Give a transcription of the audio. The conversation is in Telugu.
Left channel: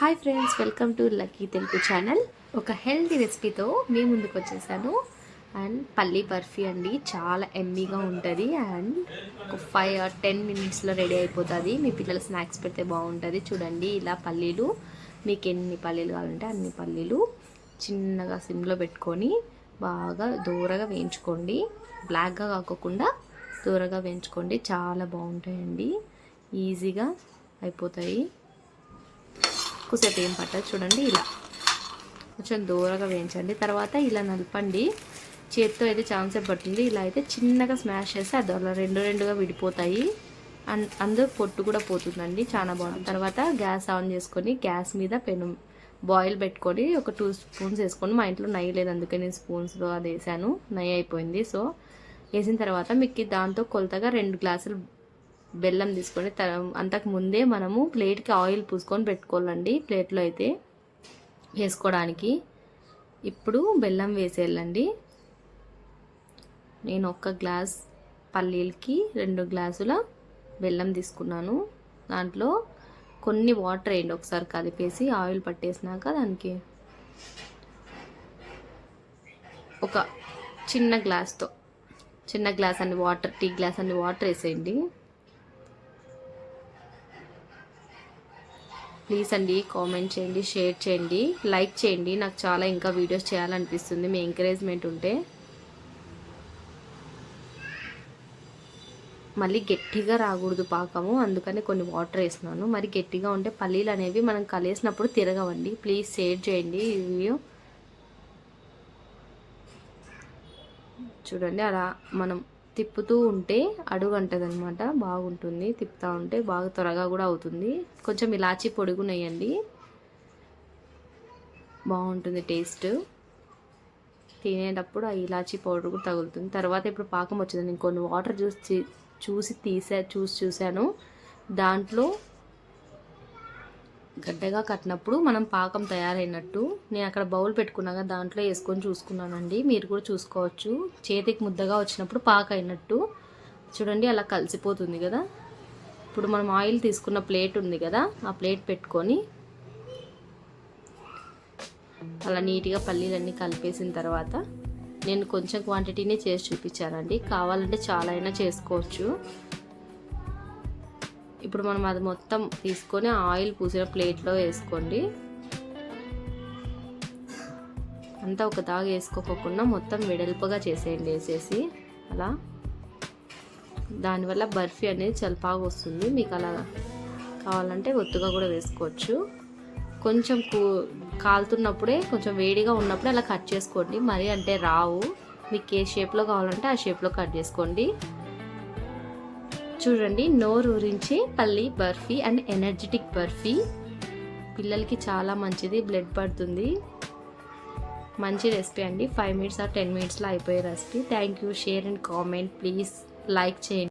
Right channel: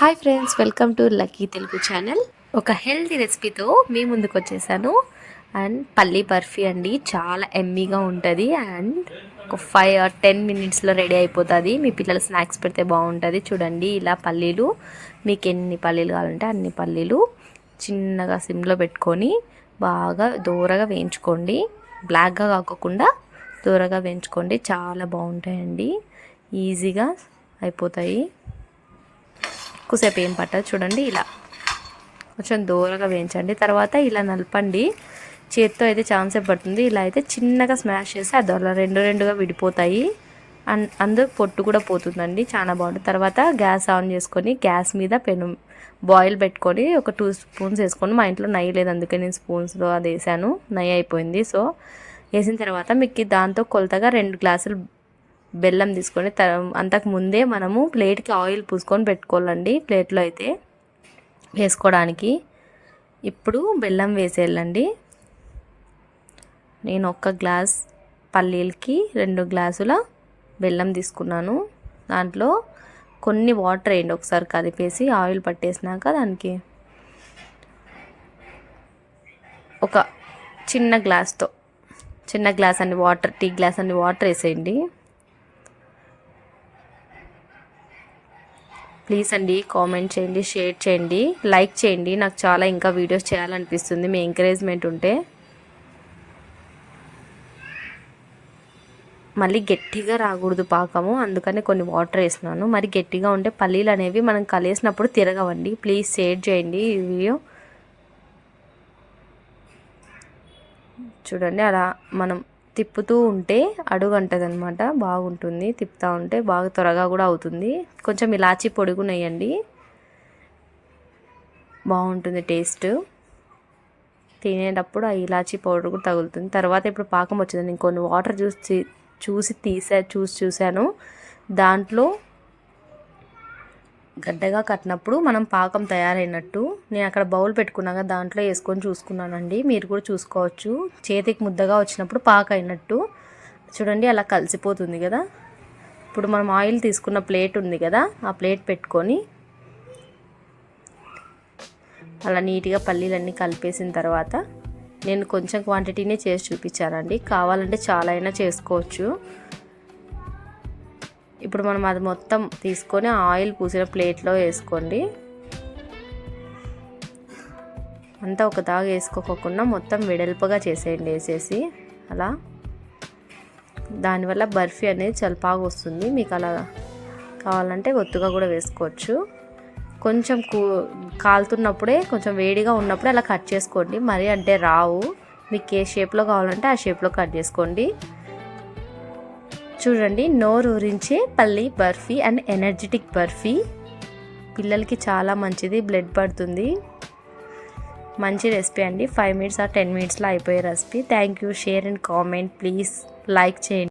Hi friends, welcome to lucky Telugu channel. ఒక హెల్తీ రెసిపీతో మీ ముందుకు వచ్చేసాను. అండ్ పల్లీ బర్ఫీ అండి, చాలా ఎమ్మీగా ఉంటుంది. అండ్ ఒక 5 or 10 మినిట్స్లో రెడీ అయిపోతుంది. మీ పిల్లలు స్నాక్స్ పెడితే బాగుంటుంది. చూడండి, ఇలా పల్లీలు, మీకు ఎన్ని పల్లీలు కావాలంటే అన్ని పల్లీలు చిన్నగా సిమ్లో పెట్టుకొని బాగా దూరగా వేయించుకోండి. బ్లాక్గా కాకుండా దూరగా వేయించుకోండి. చాలా బాగుంటాయండి, ఈజీగా అయిపోతాయి. ఎక్కువసేపు ఏం పట్టదు. చూడండి, ఇలా కొంచెం దూరంగా వేయించండి. తర్వాత ఇలా నలపండి. చేత్తో అయితే చాలాసేపు పడుతుంది. ఇలా అయితే చిన్నగా స్మాష్ చేస్తే అది అలా రెండుగా విడిపోతాయి. అందుకు పొట్టు కూడా పోతుందండి, చాలా బాగుంటుంది. తర్వాత గ్యాస్ ఆన్ చేసుకొని గ్యాస్ మీద పెను బాయిల్ పెట్టుకొని ఒక 2 స్పూన్స్ వేసుకొని, మా ఇంట్లో నెయ్యి లేదు అందుకే నేను స్పూన్స్లో అది వేసాను. నెయ్యి అయిపోయింది. సో వేసిన తర్వాత మీకు దాంతో కొలతగా 2 గ్లాసులు బెల్లం తీసుకొని అంతకు ముందే మనము ప్లేట్కి ఆయిల్ పూసుకొని పెట్టుకోవాలండి, ప్లేట్లో అయితే వేసుకోవడానికి. ఇప్పుడు బెల్లం వేసేయాలండి. నేను 1 గ్లాస్ పల్లీలకి 2 గ్లాసుల బెల్లం తీసుకున్నాను. దాంట్లో కొన్ని వాటర్ వేయండి, ఒకసారి కదిపేసి ఆయిల్ పట్టేసినాక దానికి ఒక చిన్న గ్లాస్ అన్ని వాటర్, టీ గ్లాస్ అన్ని వాటర్ వేసేయండి. ప్లీజ్ అండి, కామెంట్ చేయండి, షేర్ చేయండి, లైక్ చేయండి. నాకు చాలా ఇంకా వీడియోస్ చేయాలనిపిస్తుంది మీ ఎంకరేజ్మెంట్ ఉంటే. మళ్ళీ గట్టిగా రాకూడదు పాకము, అందుకని కొన్ని వాటర్ వేసినాను. మరి గట్టిగా ఉంటే పల్లీలు అనేవి మనం కలిసినప్పుడు తిరగవండి. ప్లీజ్ షేర్ చేయండి ఈ వీడియో. చూడండి, అలా మనం తిప్పుతూ ఉంటే అడుగు అంటది అనమాట, బాగుంటుంది. తిప్పుతూ ఉంటే బాగా త్వరగా కూడా అవుతుంది. కొంచెం ఇలాచీ పొడి కూడా వేయండి, బాగుంటుంది టేస్ట్. తినేటప్పుడు ఆ ఇలాచీ పౌడర్ కూడా తగులుతుంది. తర్వాత ఇప్పుడు పాకం వచ్చింది. నేను కొన్ని వాటర్ చూసాను. దాంట్లో గడ్డగా కట్టినప్పుడు మనం పాకం తయారైనట్టు. నేను అక్కడ బౌల్ పెట్టుకున్నాక దాంట్లో వేసుకొని చూసుకున్నానండి, మీరు కూడా చూసుకోవచ్చు. చేతికి ముద్దగా వచ్చినప్పుడు పాక అయినట్టు. చూడండి, అలా కలిసిపోతుంది కదా. ఇప్పుడు మనం ఆయిల్ తీసుకున్న ప్లేట్ ఉంది కదా, ఆ ప్లేట్ పెట్టుకొని అలా నీట్గా పల్లీలన్నీ కలిపేసిన తర్వాత, నేను కొంచెం క్వాంటిటీనే చేసి చూపించానండి, కావాలంటే చాలా అయినా చేసుకోవచ్చు. ఇప్పుడు మనం అది మొత్తం తీసుకొని ఆయిల్ పూసిన ప్లేట్లో వేసుకోండి. అంతా ఒక దాగా వేసుకోకుండా మొత్తం వెడల్పుగా చేసేయండి. వేసేసి అలా, దానివల్ల బర్ఫీ అనేది చాలా బాగా వస్తుంది. మీకు అలా కావాలంటే ఒత్తుగా కూడా వేసుకోవచ్చు. కొంచెం కాలుతున్నప్పుడే, కొంచెం వేడిగా ఉన్నప్పుడే అలా కట్ చేసుకోండి. మరి అంటే రావు. మీకు ఏ షేప్లో కావాలంటే ఆ షేప్లో కట్ చేసుకోండి. చూడండి, నోరు ఊరించే పల్లీ బర్ఫీ అండ్ ఎనర్జెటిక్ బర్ఫీ. పిల్లలకి చాలా మంచిది, బ్లడ్ పడుతుంది. మంచి రెసిపీ అండి. 5 minutes or 10 minutesలో అయిపోయే recipe. Thank you. Share and comment, please like చేయండి.